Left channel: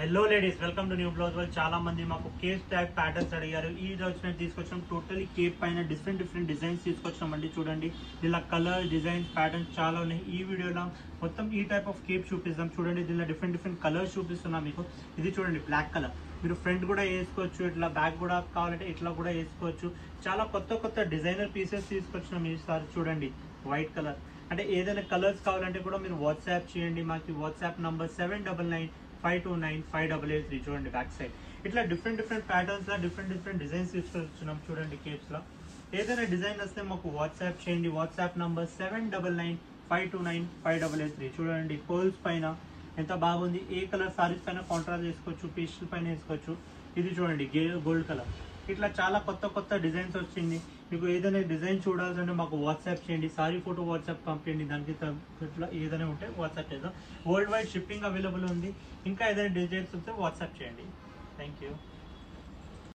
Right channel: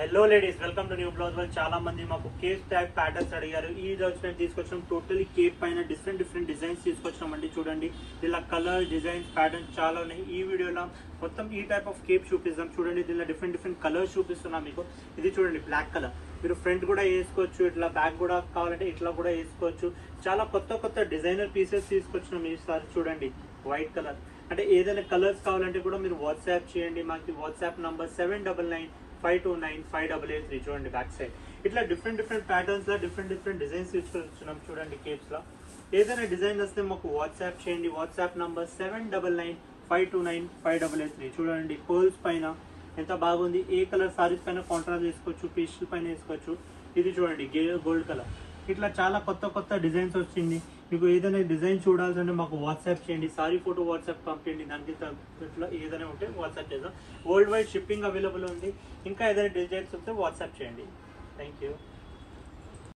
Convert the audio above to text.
Hello ladies, welcome to new blouse world. చాలా మంది మాకు కేప్ టైప్ ప్యాటర్న్స్ అడిగారు. ఈ రోజు మేము తీసుకొచ్చాం టోటలీ కేప్ పైన డిఫరెంట్ డిజైన్స్ తీసుకొచ్చామండి. చూడండి, ఇలా కలర్ డిజైన్స్ ప్యాటర్న్స్ చాలా ఉన్నాయి. ఈ వీడియోలో మొత్తం ఈ టైప్ ఆఫ్ కేప్ చూపిస్తాం. చూడండి, దీనిలో డిఫరెంట్ కలర్స్ చూపిస్తున్నాం మీకు. ఇది చూడండి, బ్లాక్ కలర్. మీరు ఫ్రంట్ కూడా వేసుకోవచ్చు, ఇట్లా బ్యాక్ కూడా కావాలంటే ఇట్లా కూడా వేసుకోవచ్చు. చాలా కొత్త డిజైనర్ పీసెస్ తీసుకొచ్చినాం ఈసారి. చూడండి, వైట్ కలర్. అంటే ఏదైనా కలర్స్ కావాలంటే కూడా మీరు వాట్సాప్ చేయండి. మాకు వాట్సాప్ నంబర్ 7995295883. చూడండి, బ్యాక్ సైడ్ ఇట్లా డిఫరెంట్ ప్యాటర్న్స్ లో డిఫరెంట్ డిజైన్స్ తీసుకొచ్చున్నాం. చూడండి, కేప్స్ లో ఏదైనా డిజైన్ వస్తే మాకు వాట్సాప్ చేయండి. WhatsApp number 7995295883. చూడండి, పర్ల్స్ పైన ఎంత బాగుంది. ఏ కలర్ సారీస్ పైన కాంట్రాస్ట్ వేసుకోవచ్చు, పేస్టల్ పైన వేసుకోవచ్చు. ఇది చూడండి, గోల్డ్ కలర్. ఇట్లా చాలా కొత్త డిజైన్స్ వచ్చింది. మీకు ఏదైనా డిజైన్ చూడాల్సింటే మాకు వాట్సాప్ చేయండి. సారీ ఫోటో వాట్సాప్ పంపించండి. దానికి ఇట్లా ఏదైనా ఉంటే వాట్సాప్ చేద్దాం. వరల్డ్ వైడ్ షిప్పింగ్ అవైలబుల్ ఉంది. ఇంకా ఏదైనా డిజైన్స్ ఉంటే వాట్సాప్ చేయండి. Thank you.